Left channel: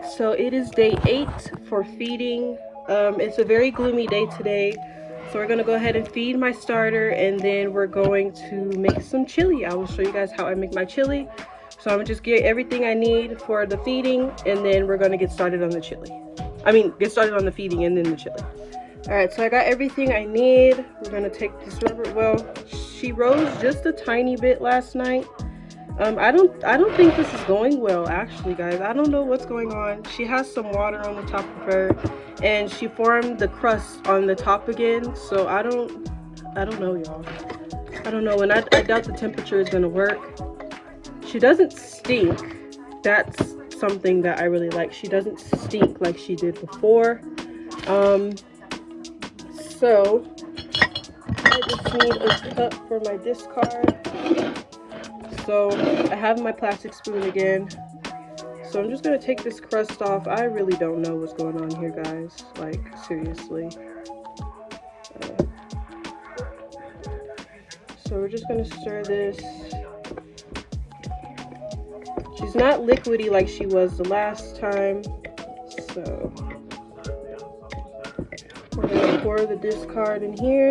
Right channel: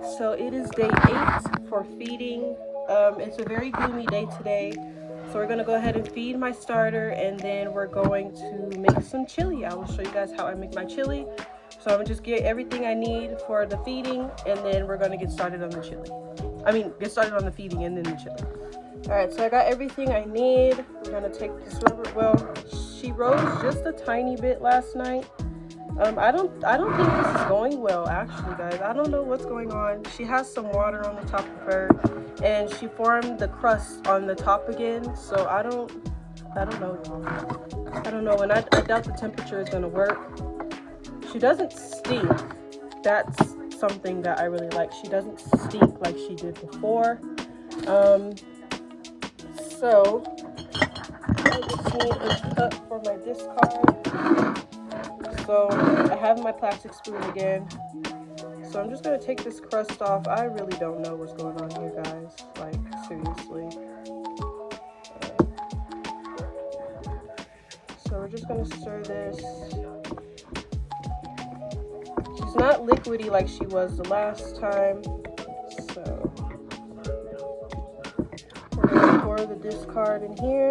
Alright, so it is day 8 for feeding. It's a very gloomy day today, so we're gonna go ahead and feed my starter, and then we're going to make some chili. I will show you guys how I make my chili. So I'm gonna just get everything I need for the feeding, and then we're gonna get started on the chili. Get started on the feeding and then the chili. Alright, so I got everything I need. We're gonna take this rubber. Well, she rose just a tiny bit last night. I don't think this is going well, actually, guys. I don't know what's going on. She has some water on the top of her, and she formed the crust on the top again. So I don't know, y'all. I don't know, and I doubt the temperature is gonna work. She doesn't stink. That's something that I really like. She doesn't stink like she did before. So I just need a cup for my discard. So I have my plastic spoon again. So I'm just gonna take this crust off. I really don't know what's going on here, guys. Like, seriously. So we're just gonna stir this. She's not liquidy like she was the last time. So we're gonna pour the discard in here.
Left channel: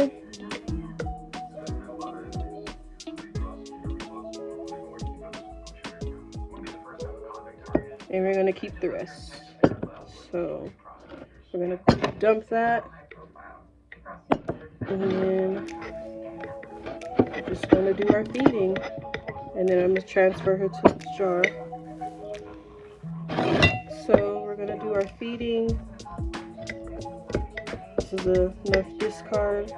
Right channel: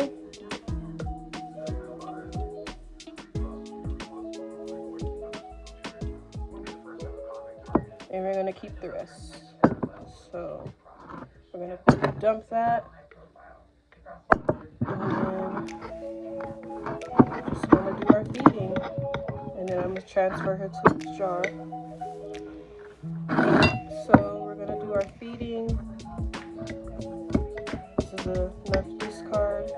And we're gonna keep the rest. So we're gonna dump that, and then we're just gonna do our feeding, and then I'm gonna transfer her to the jar. So we're gonna do our feeding. This is enough discard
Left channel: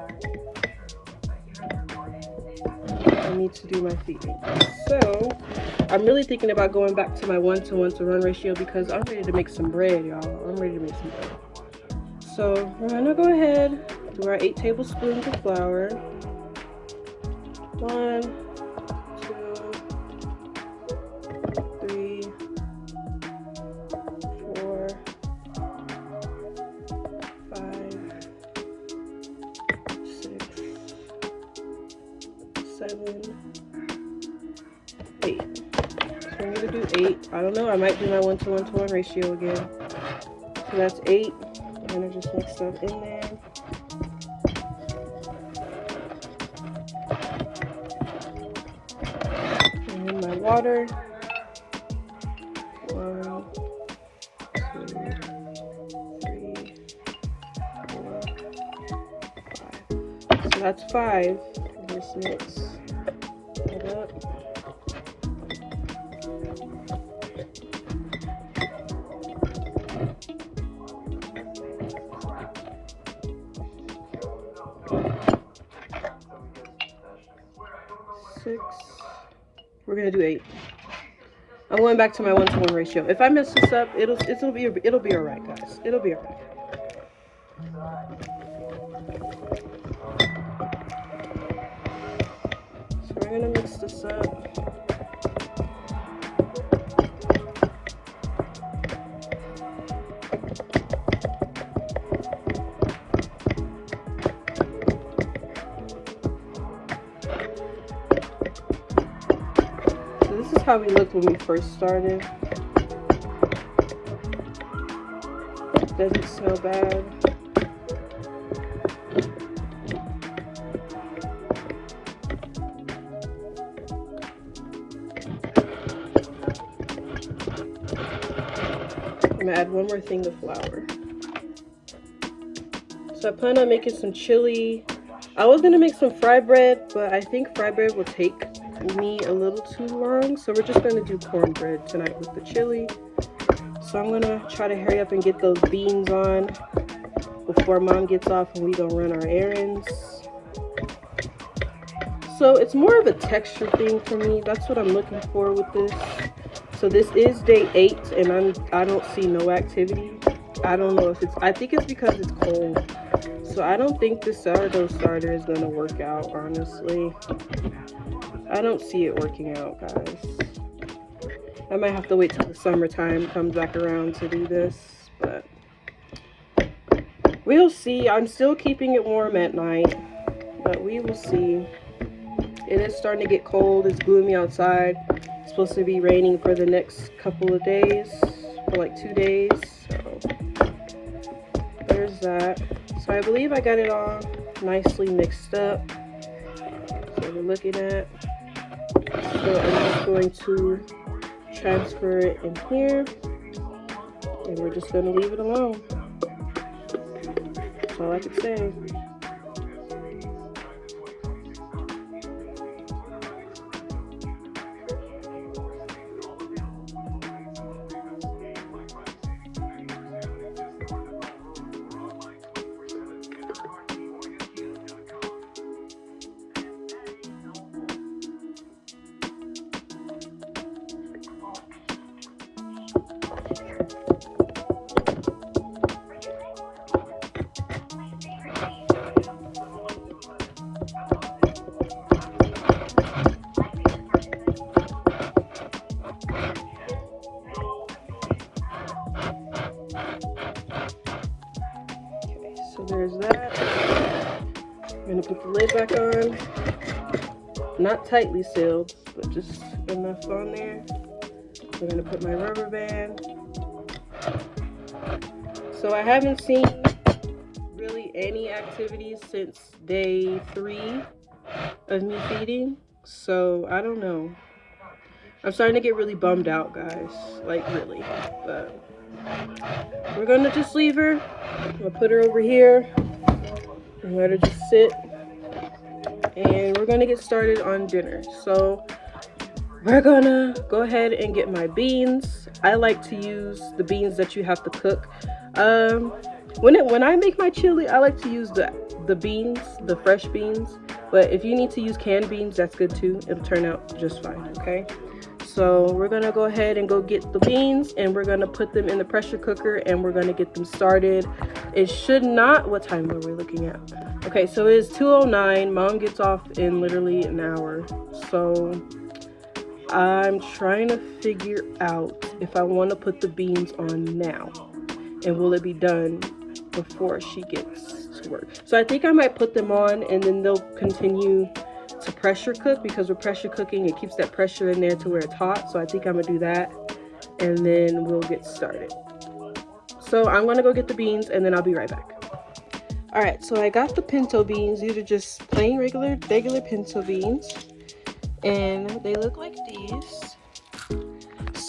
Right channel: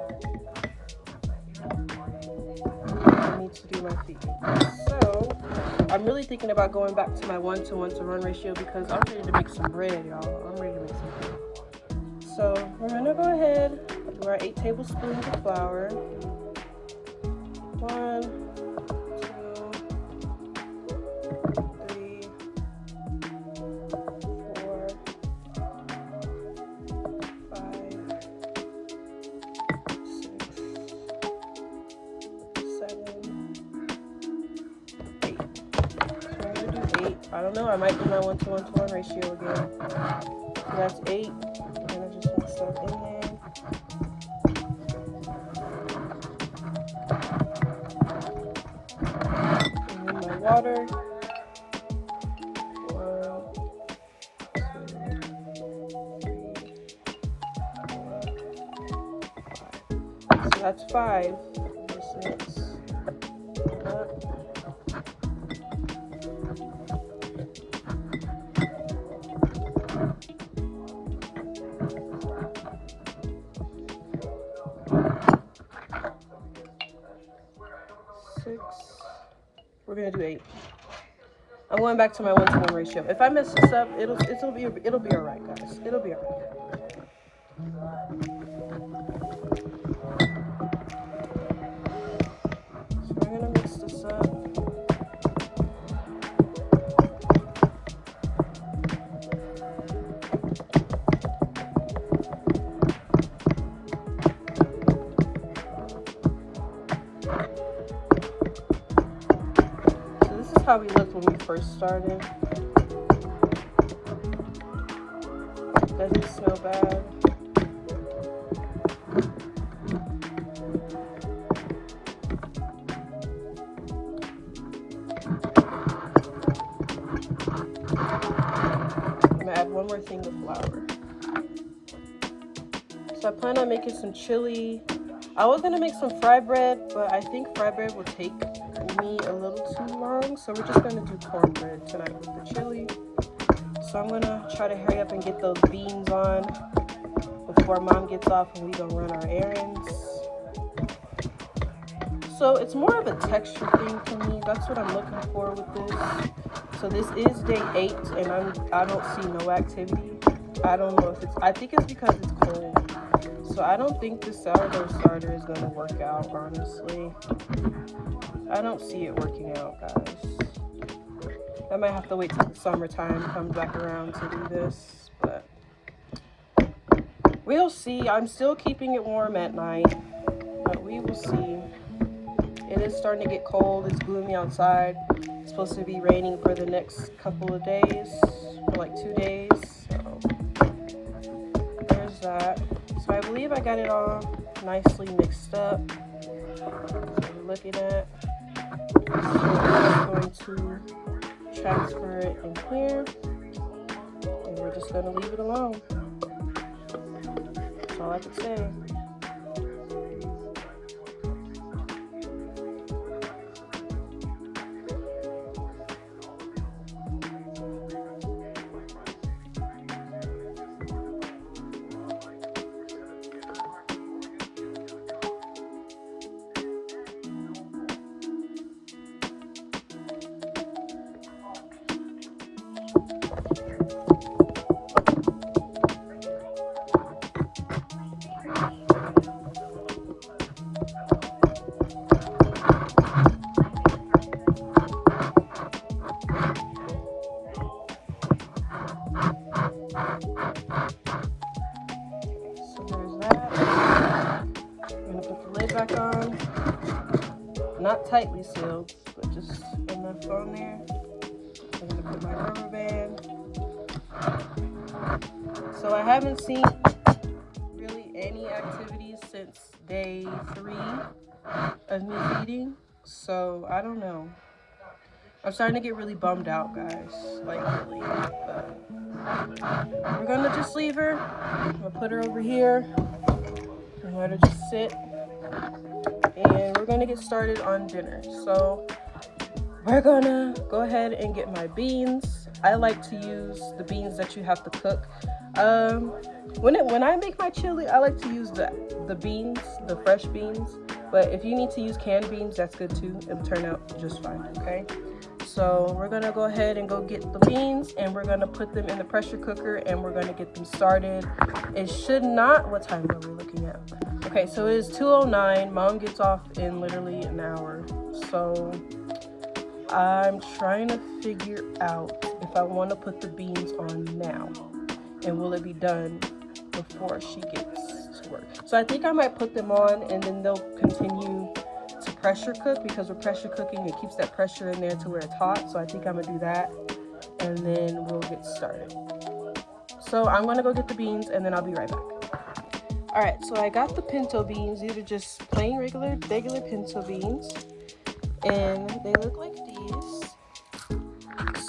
for me to do my feeding. So I'm really thinking about going back to my 1-to-1 to run ratio because I'm ready to make some bread, y'all. I'm ready to make some bread. So we're gonna go ahead, do our 8 tablespoons of flour. 1, 2, 3, 4, 5, 6, 7, 8. I'm gonna do 8. I don't know, I might do my 1-to-1 to 1 ratio again. So that's 8. I'm gonna just mix that in there. And then my water. 1, 2, 3, 4, 5. So that's 5. Just mix it up. 6. We're gonna do 8. I'm going back to my 1-to-1 ratio. If I mess this up, it'll be alright, guys. It'll be alright. So we're gonna mix this up. How we looked when we first started. Doesn't smell bad. I'm gonna add one more thing of flour. So I plan on making some chili. I was gonna make some fry bread, but I think fry bread will take me a little too long, so we're just gonna do cornbread tonight with the chili. So I'm gonna try to hurry up and get those beans on before mom gets off and we gonna run our errands. So it's more of a texture thing for me. That's what I'm looking for with this. So this is day 8 and I don't see no activity. I don't know if I think it's because it's cold. So I don't think the sourdough starter is gonna work out, honestly. I don't see it working out, guys. I might have to wait till the summertime comes back around to do this, but we'll see. I'm still keeping it warm at night, but we will see. It is starting to get cold. It's gloomy outside. It's supposed to be raining for the next couple of days, for like 2 days. So there's that. So I believe I got it all nicely mixed up. So we're looking at. So I'm just going to transfer it in here, and we're just going to leave it alone. That's all I can say. So there's that. I'm gonna put the lid back on. Not tightly sealed, but just enough on there. I'm gonna put my rubber band. So I haven't seen really any activities since day 3 of me feeding. So I don't know. I'm starting to get really bummed out, guys. Like really. But we're gonna just leave her. I'm gonna put her over here and let her just sit. And we're gonna get started on dinner. So we're gonna go ahead and get my beans. I like to use the beans that you have to cook. When I make my chili, I like to use the beans, the fresh beans. But if you need to use canned beans, that's good too. It'll turn out just fine, okay? So we're gonna go ahead and go get the beans, and we're gonna put them in the pressure cooker, and we're gonna get them started. It should not, what time are we looking at? Okay, so it is 2:09. Mom gets off in literally an hour. So I'm trying to figure out if I want to put the beans on now, and will it be done before she gets to work. So I think I might put them on, and then they'll continue to pressure cook, because with pressure cooking it keeps that pressure in there to where it's hot. So I think I'm gonna do that, and then we'll get started. So I'm gonna go get the beans, and then I'll be right back. All right, so I got the pinto beans. These are just plain regular pinto beans, and they look like these.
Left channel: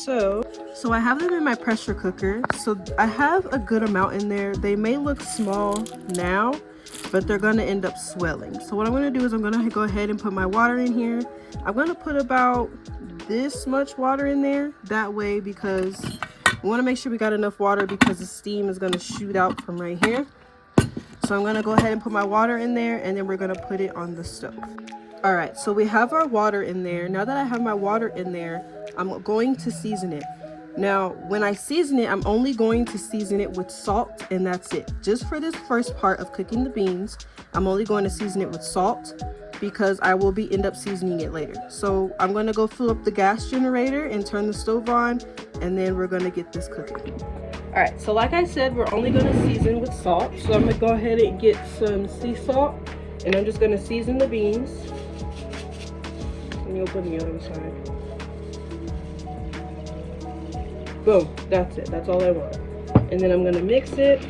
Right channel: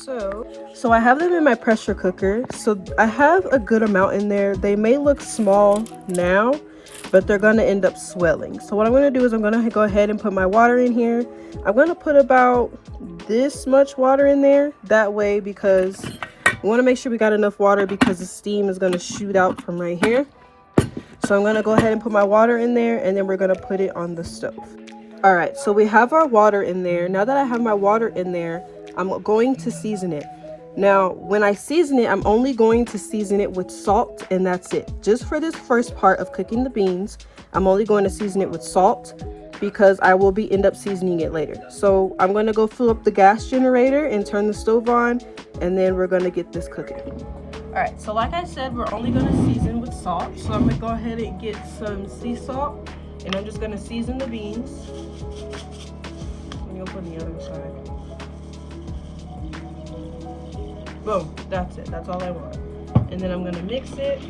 So I have them in my pressure cooker. So I have a good amount in there. They may look small now, but they're gonna end up swelling. So what I'm gonna do is I'm gonna go ahead and put my water in here. I'm gonna put about this much water in there, that way, because we wanna make sure we got enough water, because the steam is gonna shoot out from right here. So I'm gonna go ahead and put my water in there, and then we're gonna put it on the stove. All right, so we have our water in there. Now that I have my water in there, I'm going to season it. Now, when I season it, I'm only going to season it with salt, and that's it. Just for this first part of cooking the beans, I'm only going to season it with salt, because I will end up seasoning it later. So I'm going to go fill up the gas generator and turn the stove on, and then we're going to get this cooking. All right, so like I said, we're only going to season with salt. So I'm going to go ahead and get some sea salt, and I'm just going to season the beans. Let me open the other side. Boom, that's it. That's all I want. And then I'm gonna mix it.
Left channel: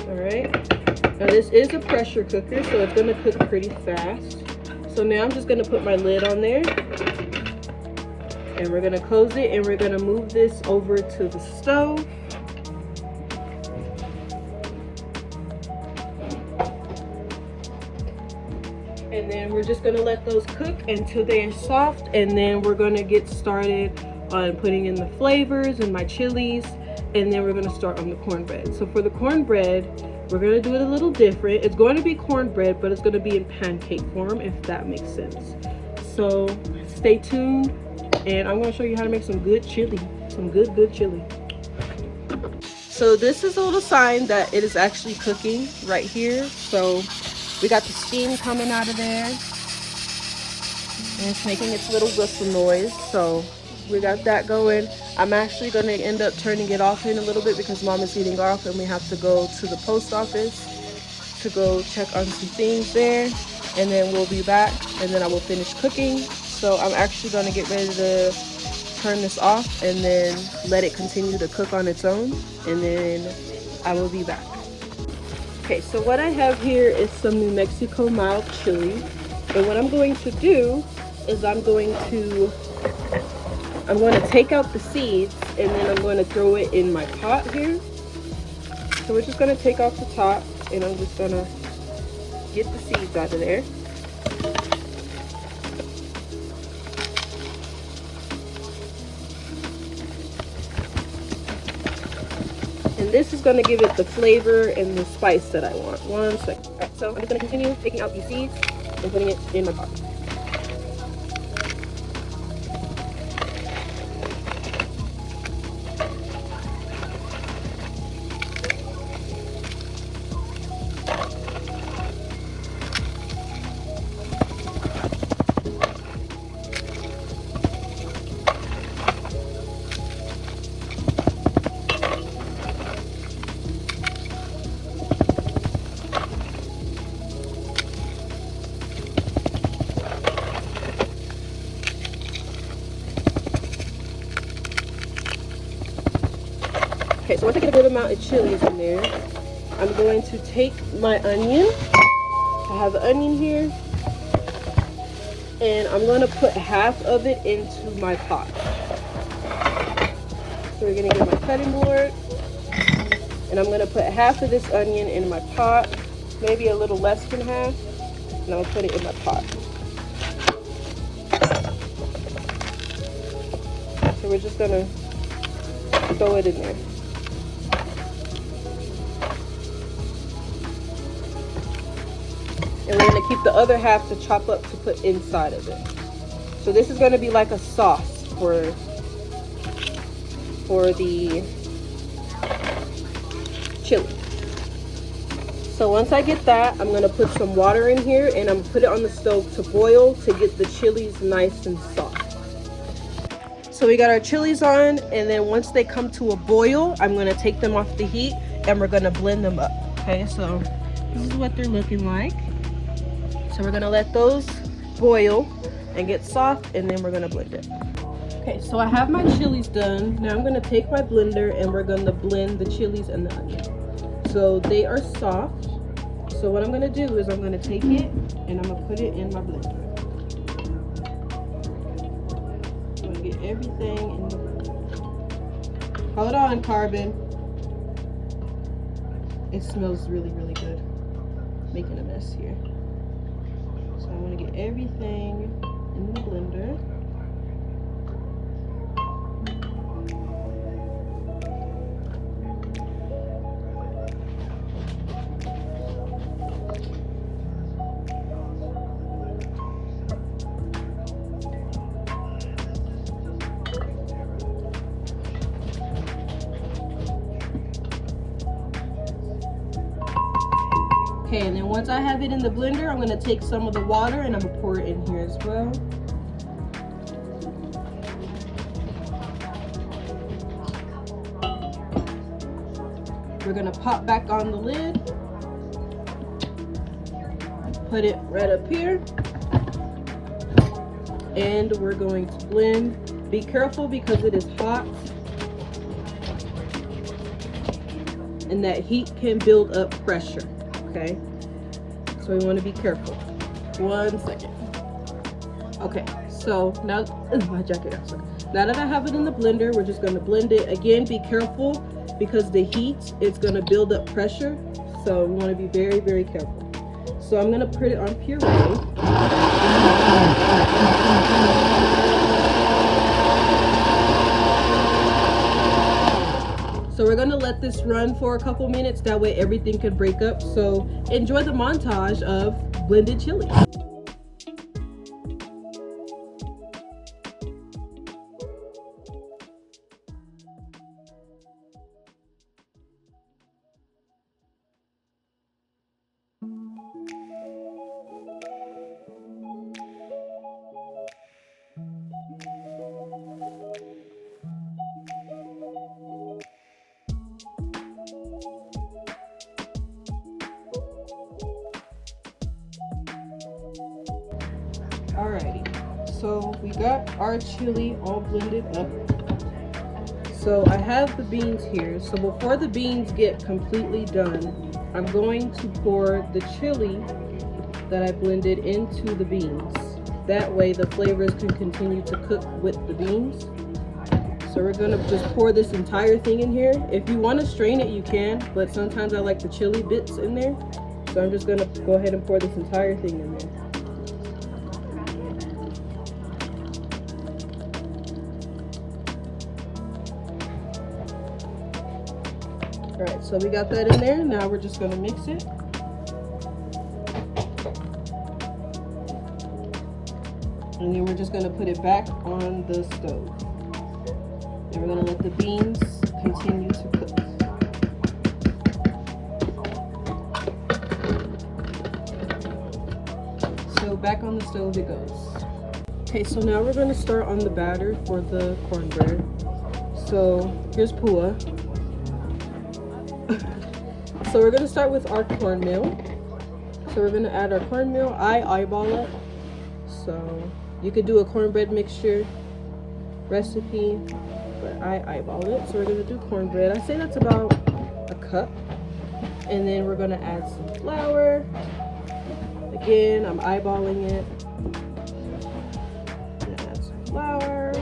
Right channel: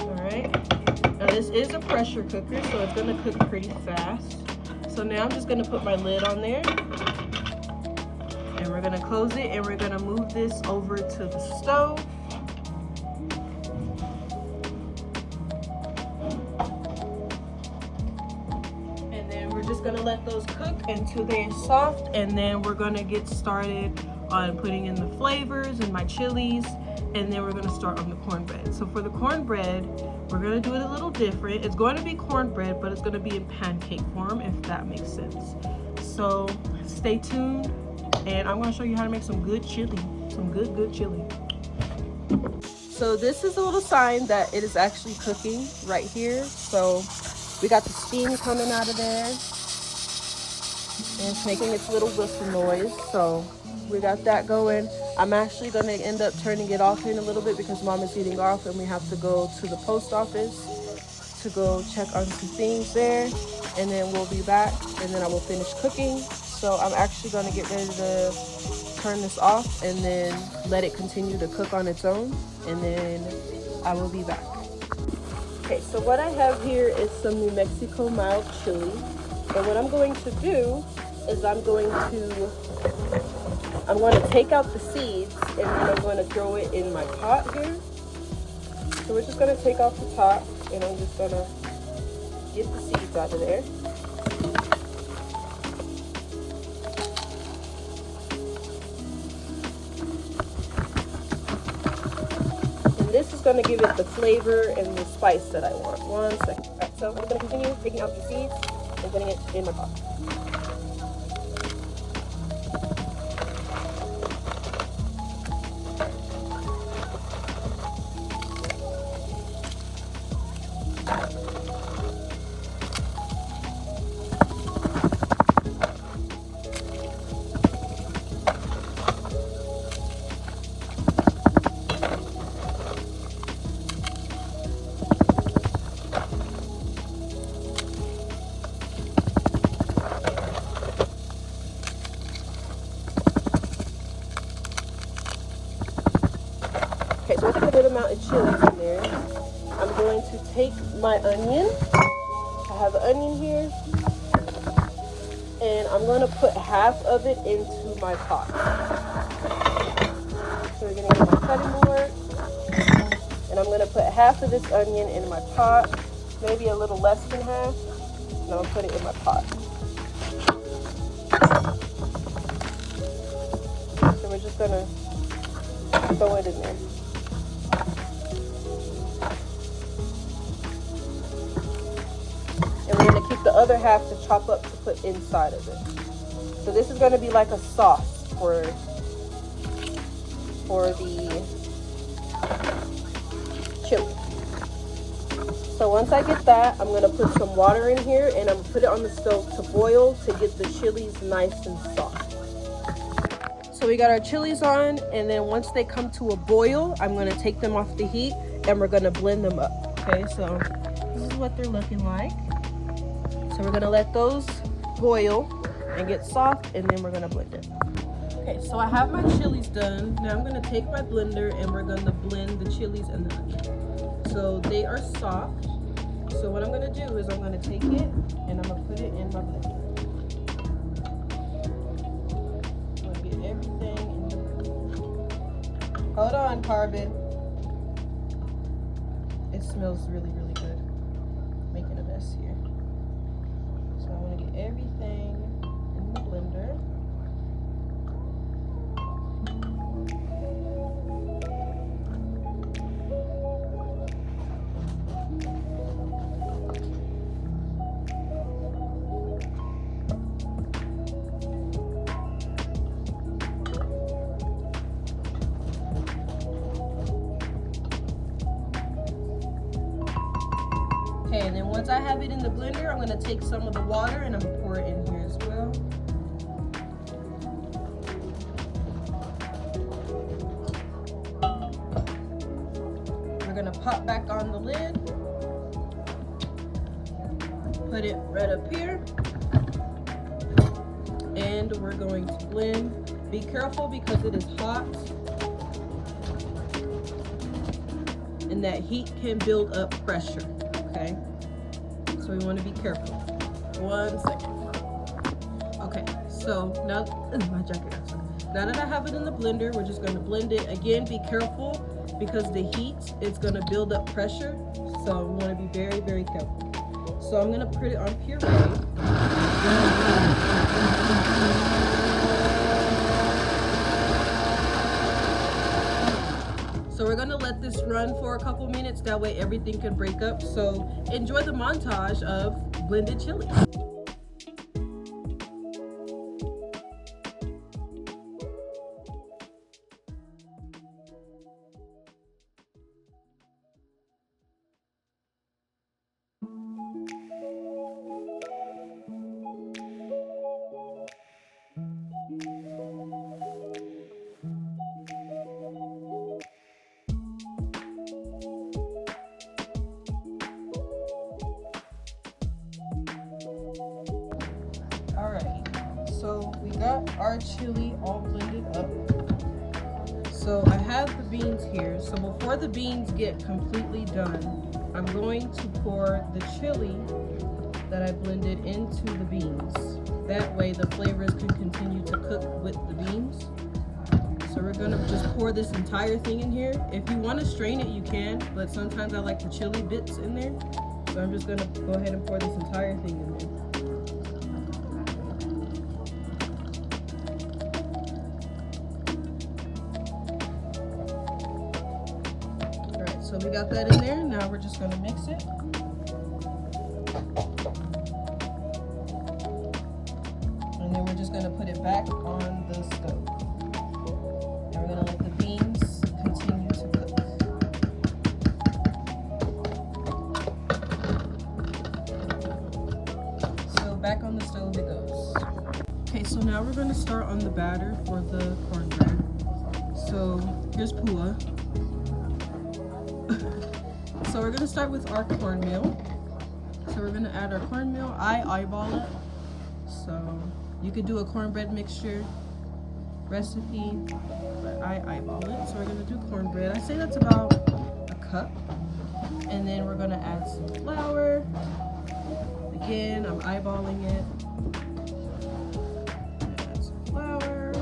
All right. Now this is a pressure cooker, so it's gonna cook pretty fast. So now I'm just gonna put my lid on there, and we're gonna close it, and we're gonna move this over to the stove. And then we're just gonna let those cook until they're soft, and then we're gonna get started on putting in the flavors and my chilies, and then we're gonna start on the cornbread. So for the cornbread, we're gonna do it a little different. It's going to be cornbread, but it's gonna be in pancake form, if that makes sense. So stay tuned, and I'm gonna show you how to make some good chili, some good chili. So this is a little sign that it is actually cooking right here. So we got the steam coming out of there, and it's making its little whistle noise. So we got that going. I'm actually going to end up turning it off in a little bit, because Mom is eating off, and we have to go to the post office to go check on some things there, and then we'll be back, and then I will finish cooking. So I'm actually going to get ready to turn this off and then let it continue to cook on its own, and then I will be back. Okay, so what I have here is some New Mexico mild chili, and what I'm going to do is I'm going to take out the seeds, and then I'm going to throw it in my pot here. So we're just going to take off the top, and I'm just going to get the seeds out of there. And this is going to give it the flavor and the spice that I want. One second. So I'm going to continue taking out these seeds and putting it in my pot. Okay, so once I get a good amount of chilies in there, I'm going to take my onion. I have the onion here. And I'm going to put half of it into my pot. So we're going to get my cutting board. And I'm going to put half of this onion in my pot. Maybe a little less than half. And I'll put it in my pot. So we're just going to throw it in there. And we're going to keep the other half to chop up to put inside of it. So this is going to be like a sauce for the chili. So once I get that, I'm going to put some water in here and I'm going to put it on the stove to boil to get the chilies nice and soft. So we got our chilies on, and then once they come to a boil, I'm going to take them off the heat and we're going to blend them up. Okay, so this is what they're looking like. So we're gonna let those boil and get soft, and then we're gonna blend it. Okay, so I have my chilies done. Now I'm gonna take my blender and we're gonna blend the chilies and the onion. So they are soft. So what I'm gonna do is I'm gonna take it and I'm gonna put it in my blender. I'm gonna get everything in the blender. Hold on, Carbon. It smells really, really good. Making a mess here. So I want to get everything in the blender. Okay, and then once I have it in the blender, I'm going to take some of the water and I'm going to pour it in here as well. We're going to pop back on the lid. Put it right up here. And we're going to blend. Be careful because it is hot. And that heat can build up pressure. Okay, so we want to be careful. 1 second. Okay, so now my jacket. Now that I have it in the blender, we're just going to blend it. Again, be careful because the heat is going to build up pressure. So we want to be very, very careful. So I'm going to put it on puree. So we're gonna let this run for a couple minutes, that way everything can break up. So enjoy the montage of blended chilies. So we got our chili all blended up. So I have the beans here. So before the beans get completely done, I'm going to pour the chili that I blended into the beans. That way the flavors can continue to cook with the beans. So we're gonna just pour this entire thing in here. If you wanna strain it, you can, but sometimes I like the chili bits in there. So I'm just gonna go ahead and pour this entire thing in there. All right, so we got that in there. Now we're just gonna mix it. And then we're just gonna put it back on the stove. And we're gonna let the beans continue to cook. So back on the stove it goes. Okay, so now we're gonna start on the batter for the cornbread. So here's Pua. So we're gonna start with our cornmeal. So we're gonna add our cornmeal. I eyeball it. So you could do a cornbread mixture recipe, but I eyeball it. So we're gonna do cornbread. I say that's about a cup. And then we're gonna add some flour. Again, I'm eyeballing it. Add some flour.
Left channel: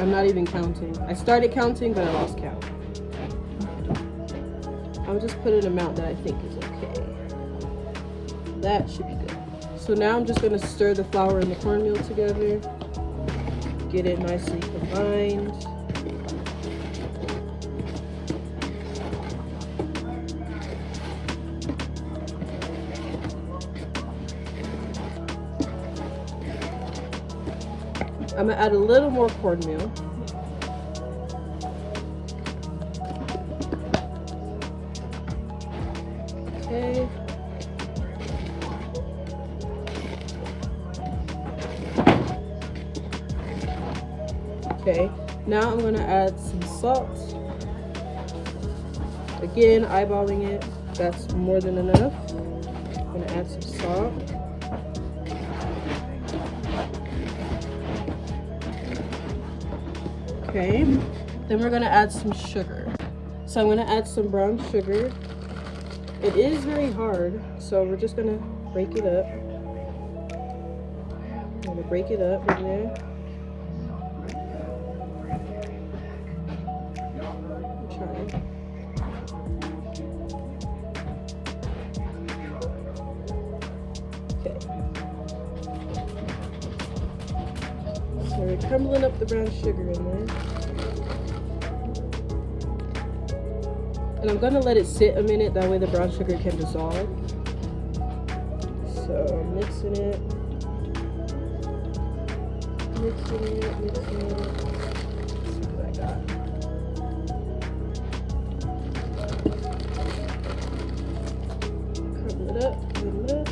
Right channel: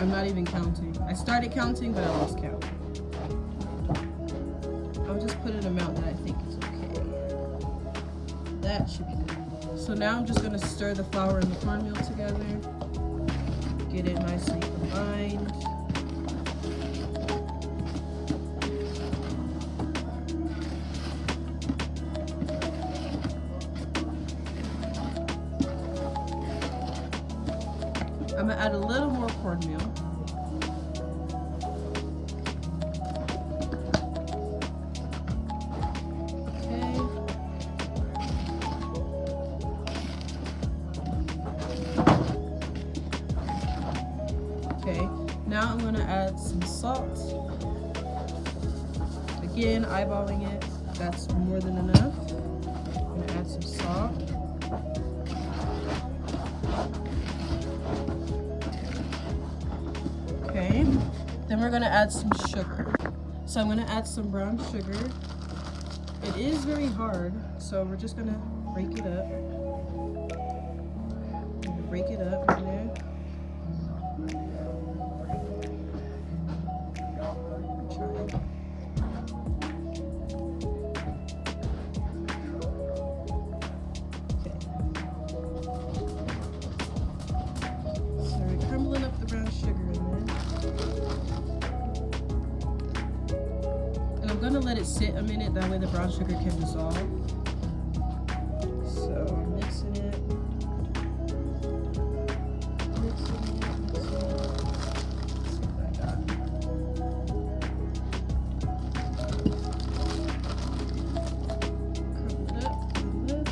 I'm not even counting. I started counting, but I lost count. I'll just put an amount that I think is okay. That should be good. So now I'm just gonna stir the flour and the cornmeal together. Get it nicely combined. I'm gonna add a little more cornmeal. Okay. Okay, now I'm gonna add some salt. Again, eyeballing it. That's more than enough. I'm gonna add some salt. Okay, then we're gonna add some sugar. So I'm gonna add some brown sugar. It is very hard, so we're just gonna break it up. I'm gonna break it up in there. Try it. Okay. So we're crumbling up the brown sugar in there. And I'm gonna let it sit a minute, that way the brown sugar can dissolve. So I'm mixing it. Mixing it. Let's see what I got. Crumble it up, crumble it up.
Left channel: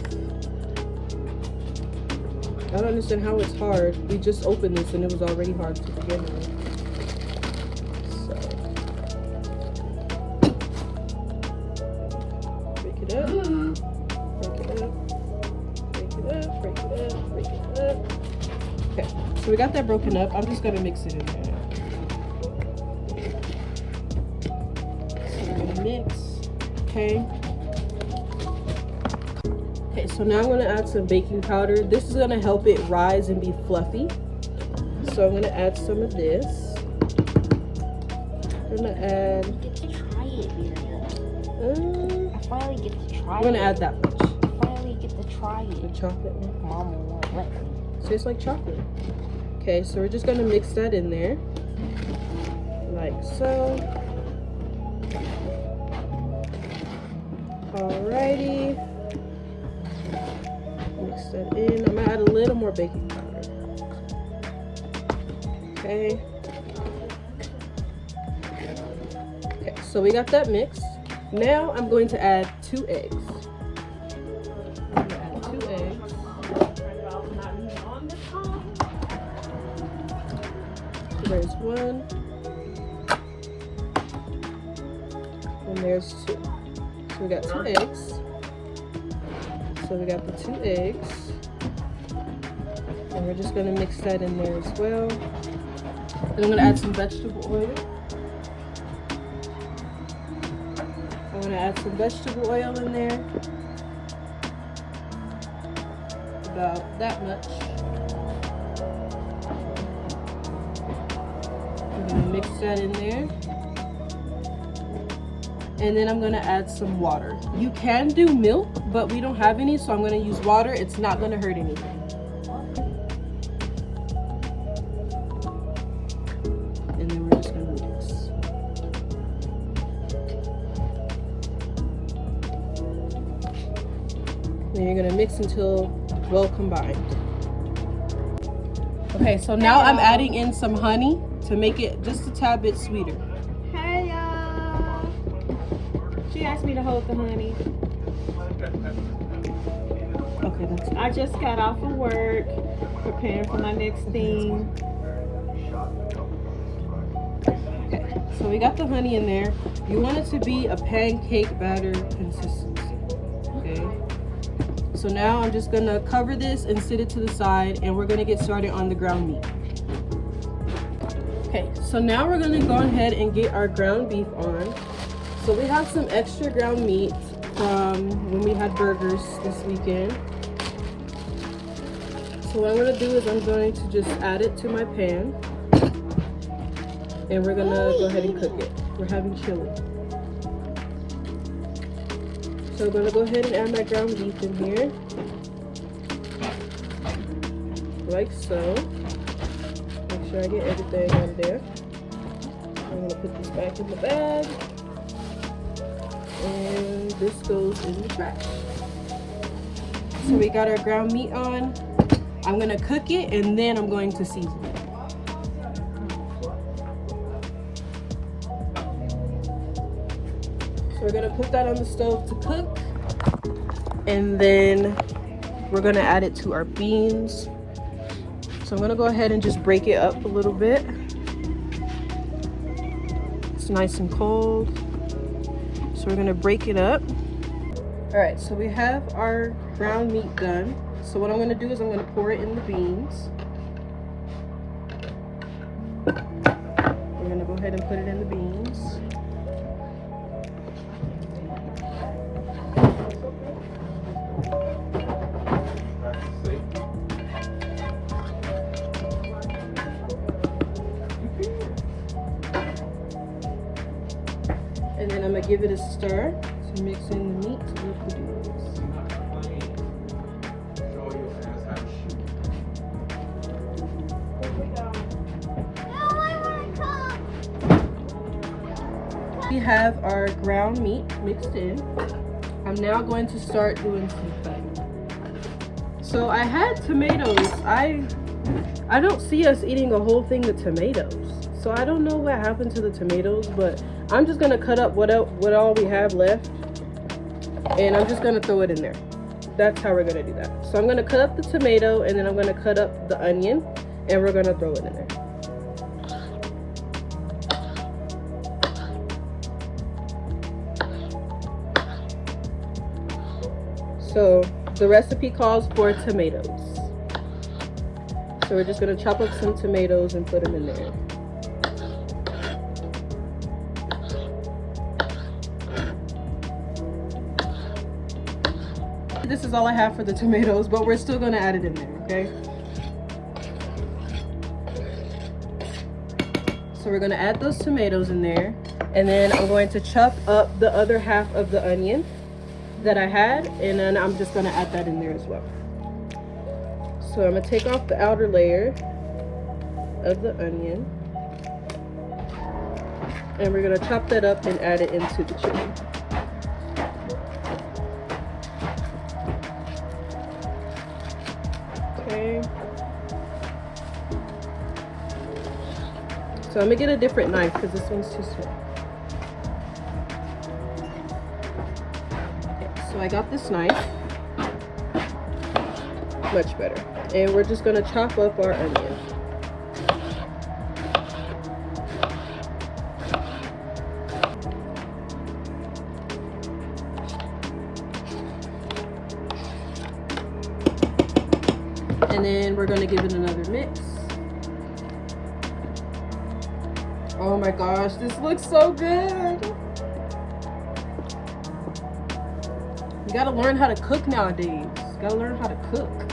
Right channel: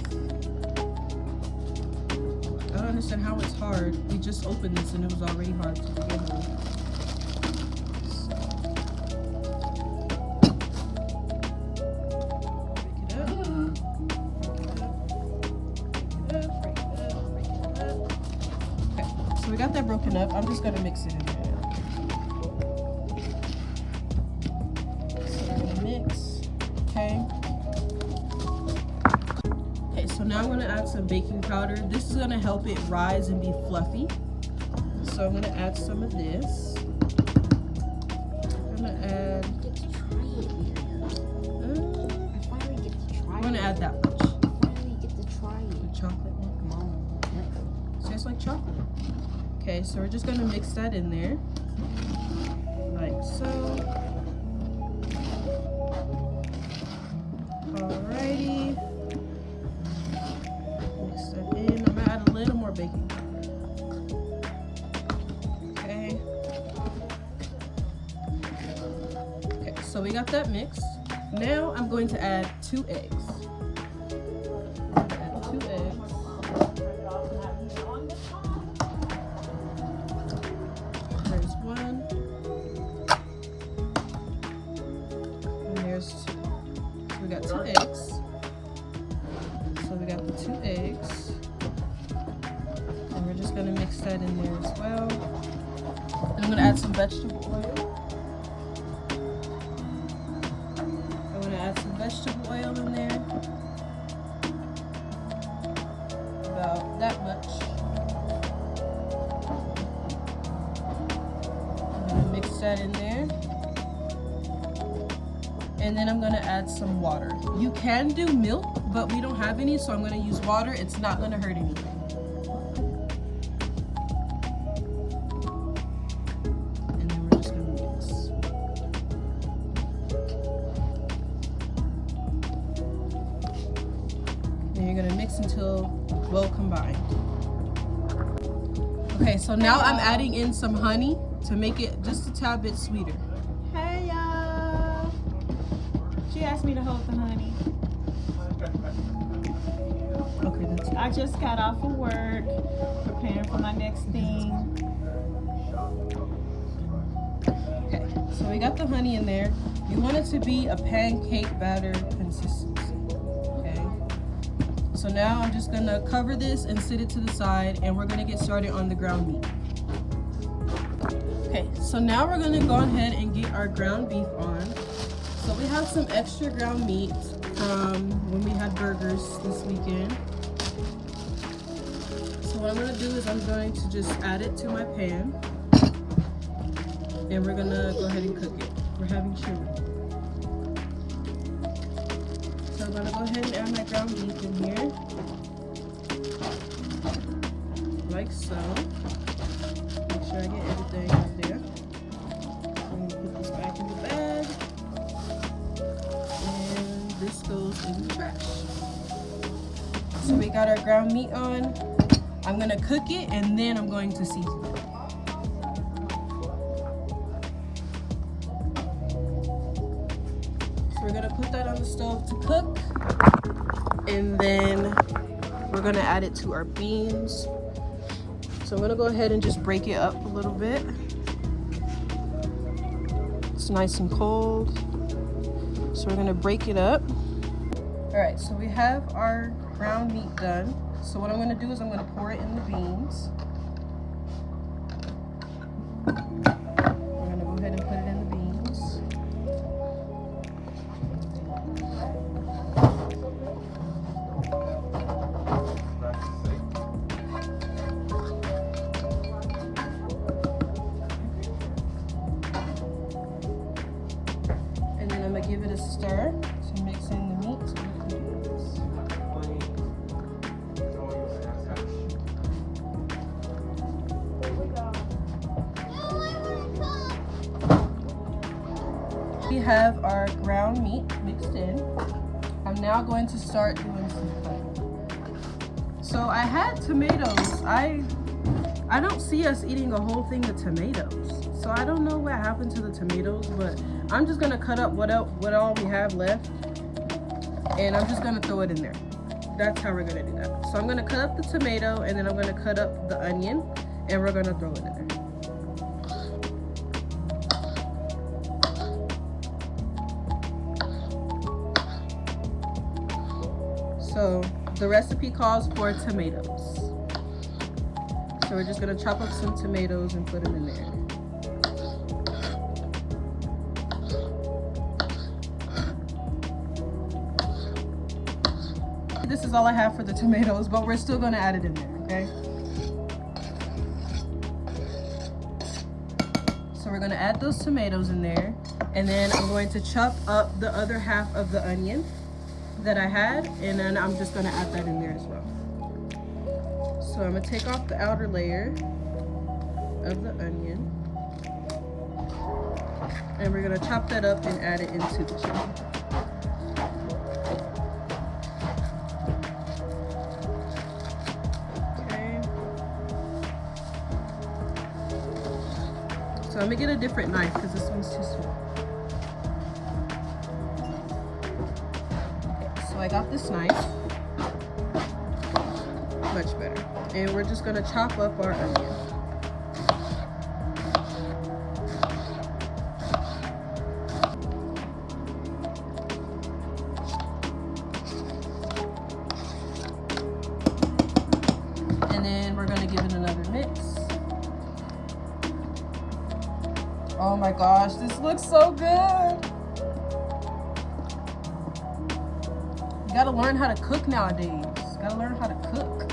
I don't understand how it's hard. We just opened this and it was already hard to begin with. So we got that broken up. I'm just gonna mix it in there. So we're gonna mix, okay. Okay, so now I'm gonna add some baking powder. This is gonna help it rise and be fluffy. So I'm gonna add some of this. I'm gonna add, I'm gonna add that much. The chocolate one. Tastes like chocolate. Okay, so we're just gonna mix that in there, like so. Alrighty. Mix that in. I'm gonna add a little more baking powder. Okay. Okay, so we got that mixed. Now I'm going to add 2 eggs. I'm gonna add 2 eggs. one. And there's two. So we got 2 eggs. So we got the 2 eggs. And we're just gonna mix that in there as well. And I'm gonna add some vegetable oil. I'm gonna add some vegetable oil in there. About that much. I'm gonna mix that in there. And then I'm gonna add some water. You can do milk, but we don't have any, so I'm gonna use water. It's not gonna hurt anything. And then we're just gonna mix. And you're gonna mix until well combined. Okay, so now I'm adding in some honey to make it just a tad bit sweeter. Hey y'all! She asked me to hold the honey. Okay, that's I just got off of work, preparing for my next thing. okay. So we got the honey in there. You want it to be a pancake batter consistency. Okay. So now I'm just gonna cover this and sit it to the side, and we're gonna get started on the ground meat. Okay, so now we're gonna go ahead and get our ground beef on. So we have some extra ground meat from when we had burgers this weekend. So what I'm gonna do is I'm going to just add it to my pan, and we're gonna go ahead and cook it. We're having chili. So I'm gonna go ahead and add my ground beef in here, like so. Make sure I get everything on there. I'm gonna put this back in the bag, and this goes in the trash. So we got our ground meat on. I'm gonna cook it, and then I'm going to season it. So we're gonna put that on the stove to cook, and then we're gonna add it to our beans. So I'm gonna go ahead and just break it up a little bit. It's nice and cold. So we're gonna break it up. All right, so we have our ground meat done. So what I'm gonna do is I'm gonna pour it in the beans. We're gonna go ahead and put it in the beans. And then I'm gonna give it a stir, so mixing the meat with the beans. We have our ground meat mixed in. I'm now going to start doing some cutting. So I had tomatoes. I don't see us eating a whole thing of tomatoes. So I don't know what happened to the tomatoes, but I'm just gonna cut up what all we have left, and I'm just gonna throw it in there. That's how we're gonna do that. So I'm gonna cut up the tomato, and then I'm gonna cut up the onion, and we're gonna throw it in there. So the recipe calls for tomatoes. So we're just gonna chop up some tomatoes and put them in there. This is all I have for the tomatoes, but we're still gonna add it in there, okay? So we're gonna add those tomatoes in there, and then I'm going to chop up the other half of the onion that I had, and then I'm just gonna add that in there as well. So I'm gonna take off the outer layer of the onion, and we're gonna chop that up and add it into the chili. Okay. So I'm gonna get a different knife because this one's too small. So I got this knife, much better. And we're just gonna chop up our onion. we're gonna give it another mix. Oh my gosh, this looks so good. You gotta learn how to cook nowadays. You gotta learn how to cook.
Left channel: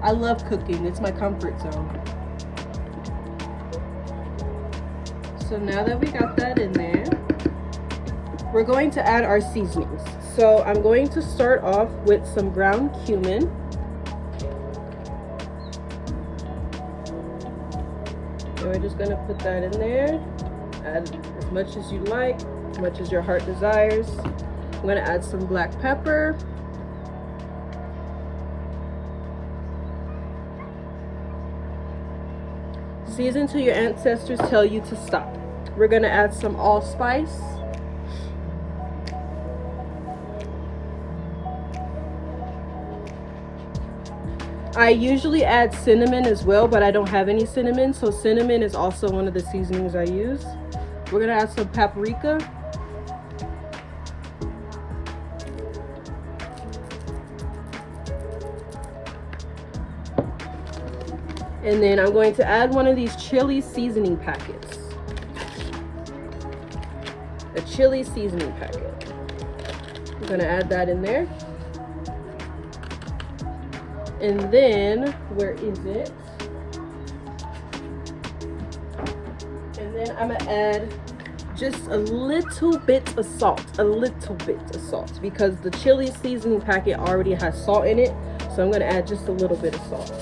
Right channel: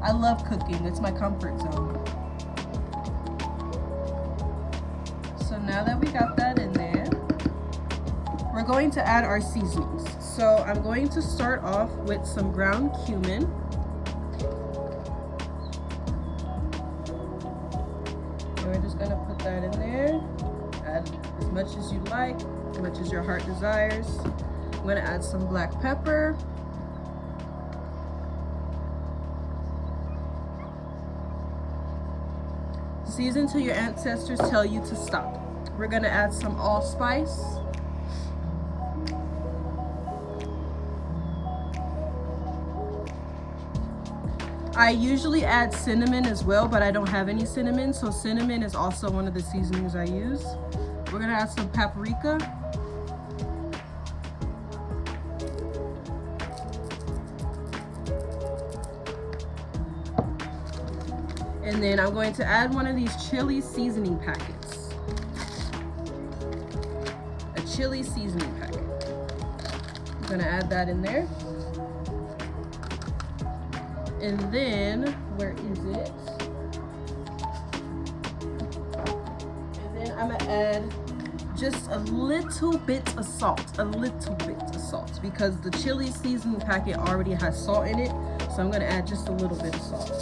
I love cooking, it's my comfort zone. So now that we got that in there, we're going to add our seasonings. So I'm going to start off with some ground cumin. And we're just gonna put that in there. Add as much as you like, as much as your heart desires. I'm gonna add some black pepper. Season till your ancestors tell you to stop. We're gonna add some allspice. I usually add cinnamon as well, but I don't have any cinnamon, so cinnamon is also one of the seasonings I use. We're gonna add some paprika. And then I'm going to add one of these chili seasoning packets. A chili seasoning packet. I'm gonna add that in there. And then, where is it? And then I'm gonna add just a little bit of salt, because the chili seasoning packet already has salt in it. So I'm gonna add just a little bit of salt.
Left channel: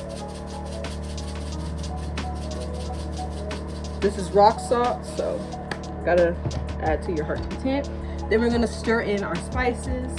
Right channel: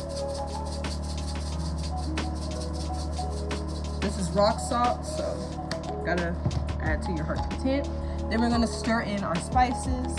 This is rock salt, so gotta add to your heart's content. Then we're gonna stir in our spices.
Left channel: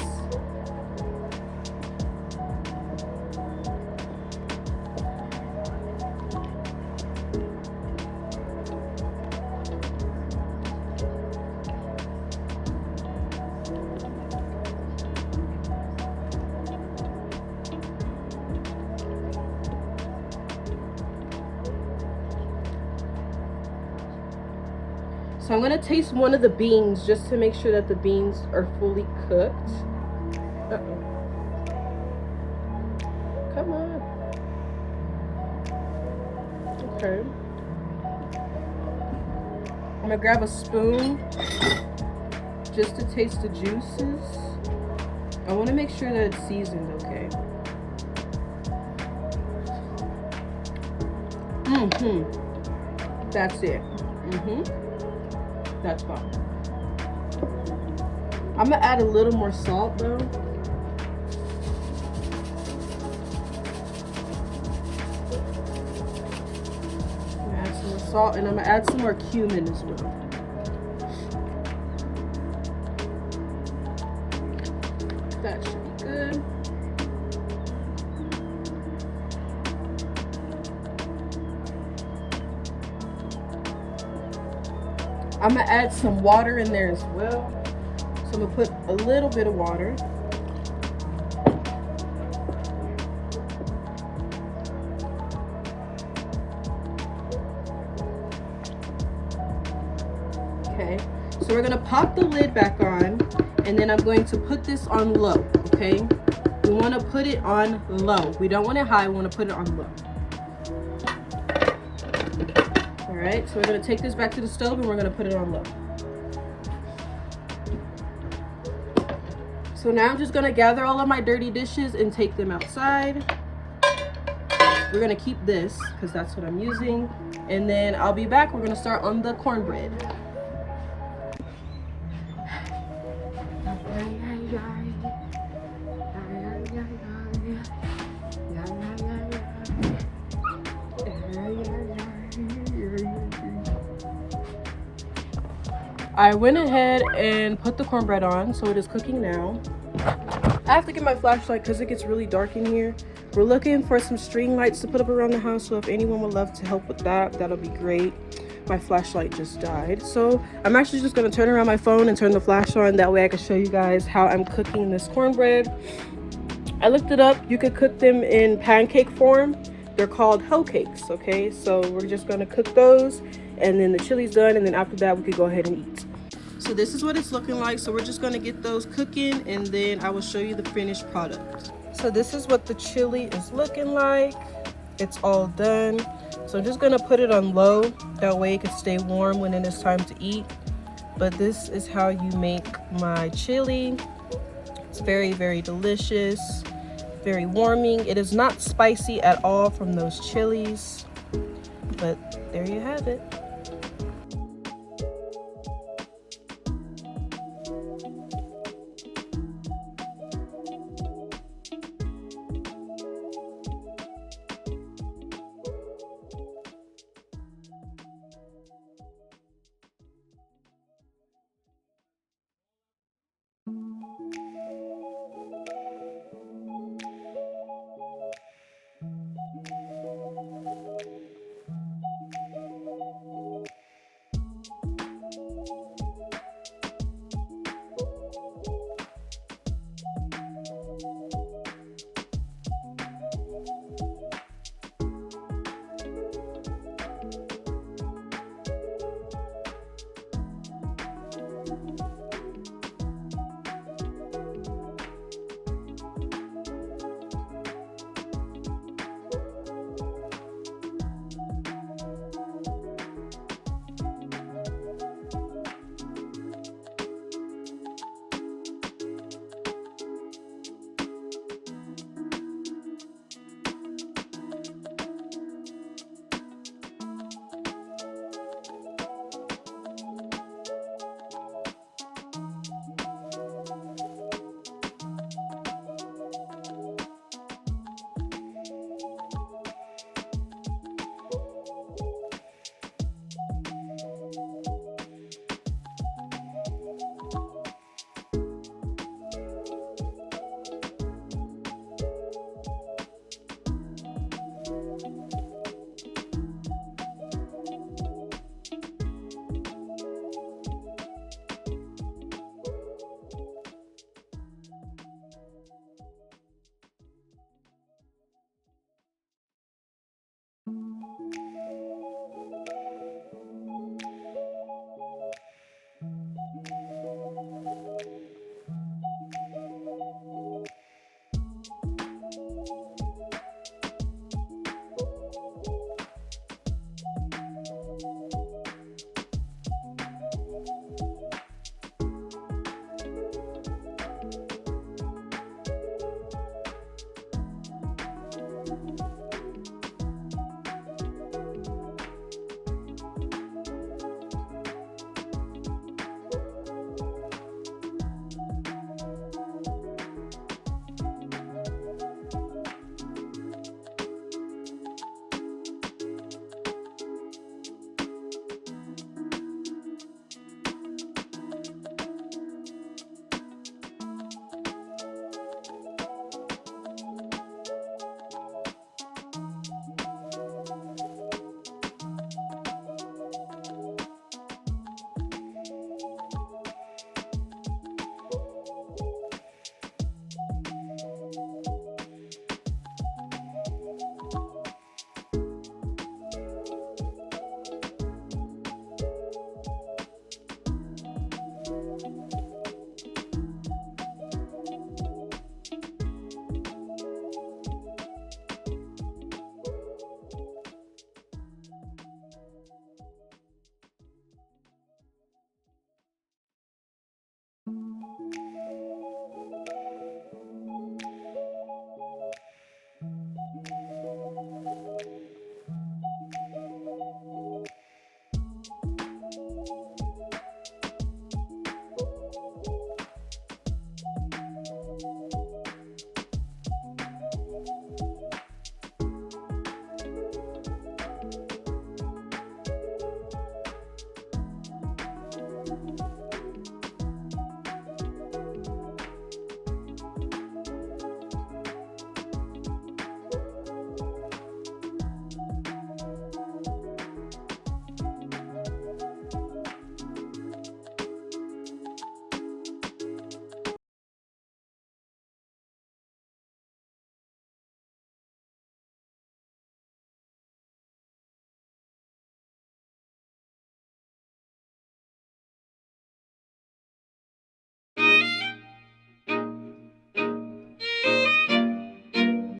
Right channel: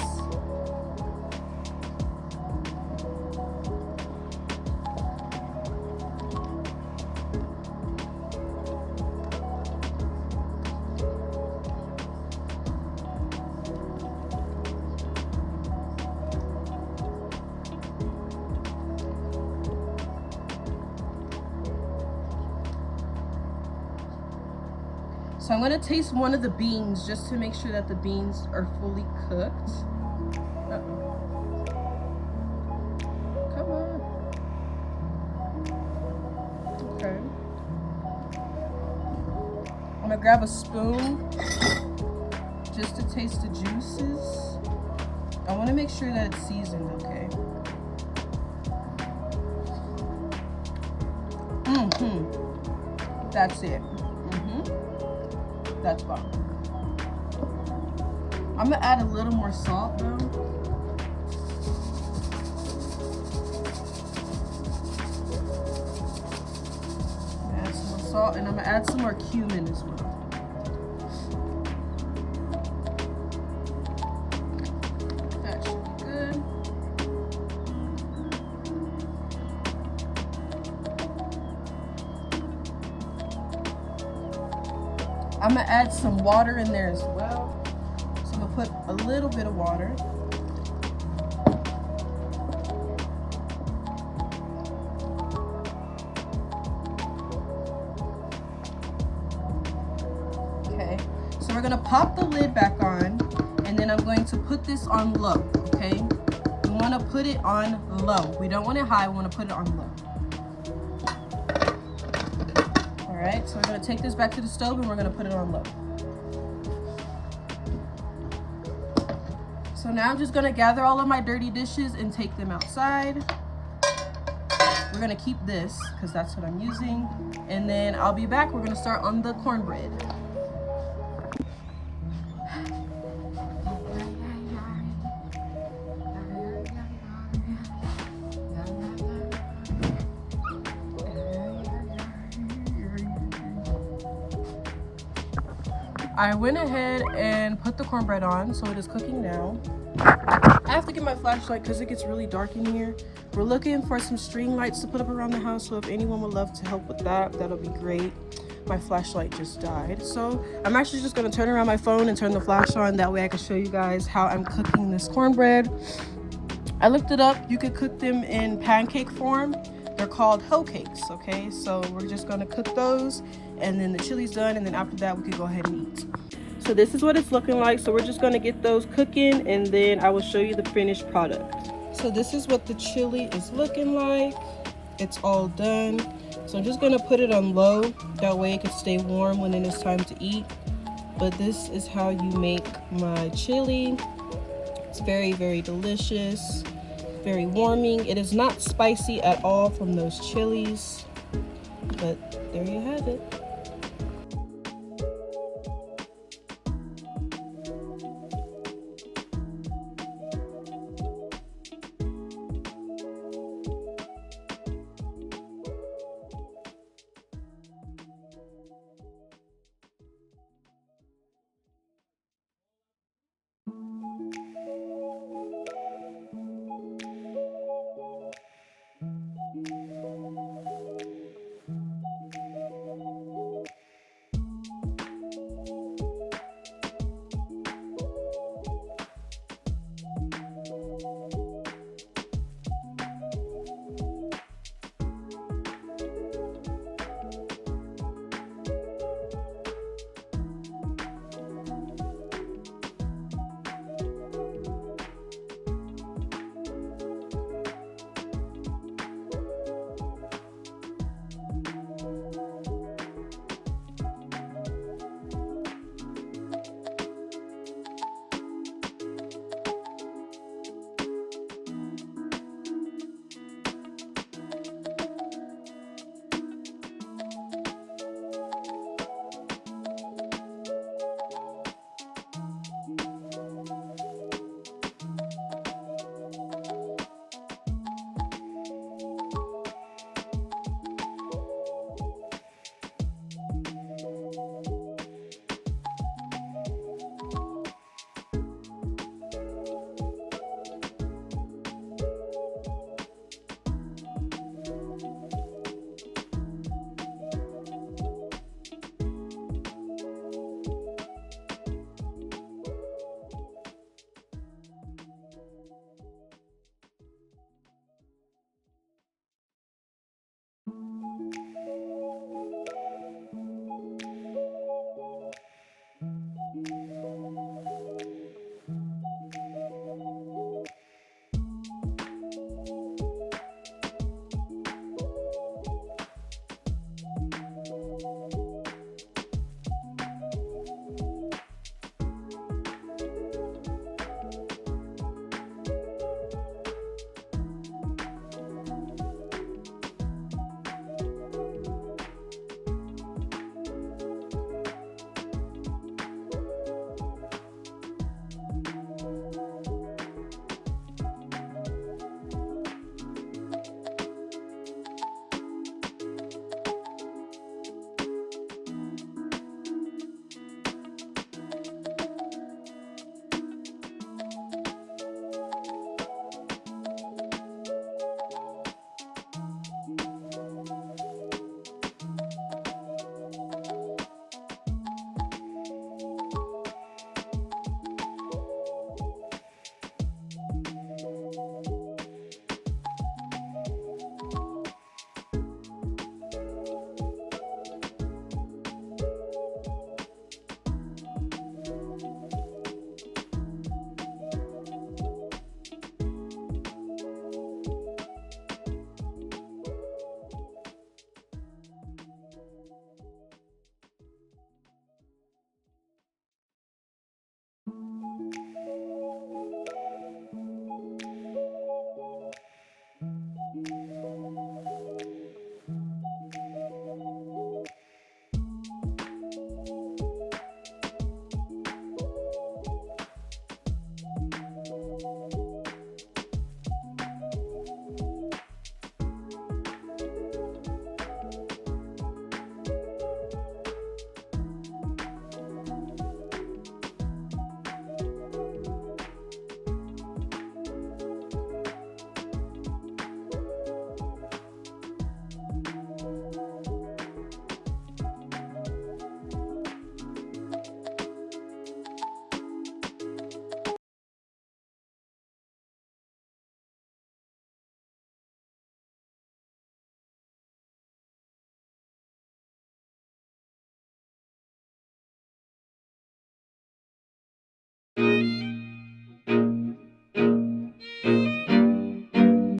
So I'm gonna taste one of the beans just to make sure that the beans are fully cooked. Uh-oh. Come on. Okay. I'm gonna grab a spoon just to taste the juices. I wanna make sure that it's seasoned okay. That's it. That's fine. I'm gonna add a little more salt though. Add some more salt, and I'm gonna add some more cumin as well. That should be good. I'm gonna add some water in there as well. So I'm gonna put a little bit of water. Okay, so we're gonna pop the lid back on, and then I'm going to put this on low, okay? We wanna put it on low. We don't want it high, we wanna put it on low. Alright, so we're going to take this back to the stove and we're going to put it on low. So now I'm just going to gather all of my dirty dishes and take them outside. We're going to keep this because that's what I'm using. And then I'll be back. We're going to start on the cornbread. I went ahead and put the cornbread on, so it is cooking now. I have to get my flashlight because it gets really dark in here. We're looking for some string lights to put up around the house, so if anyone would love to help with that, that'll be great. My flashlight just died, so I'm actually just going to turn around my phone and turn the flash on. That way I can show you guys how I'm cooking this cornbread. I looked it up. You could cook them in pancake form. They're called hoe cakes, okay? So we're just going to cook those, and then the chili's done, and then after that we could go ahead and eat. So this is what it's looking like. So we're just going to get those cooking, and then I will show you the finished product. So this is what the chili is looking like. it's all done. So I'm just gonna put it on low, that way it can stay warm when it is time to eat. But this is how you make my chili. It's very, very delicious, very warming. It is not spicy at all from those chilies, but there you have it.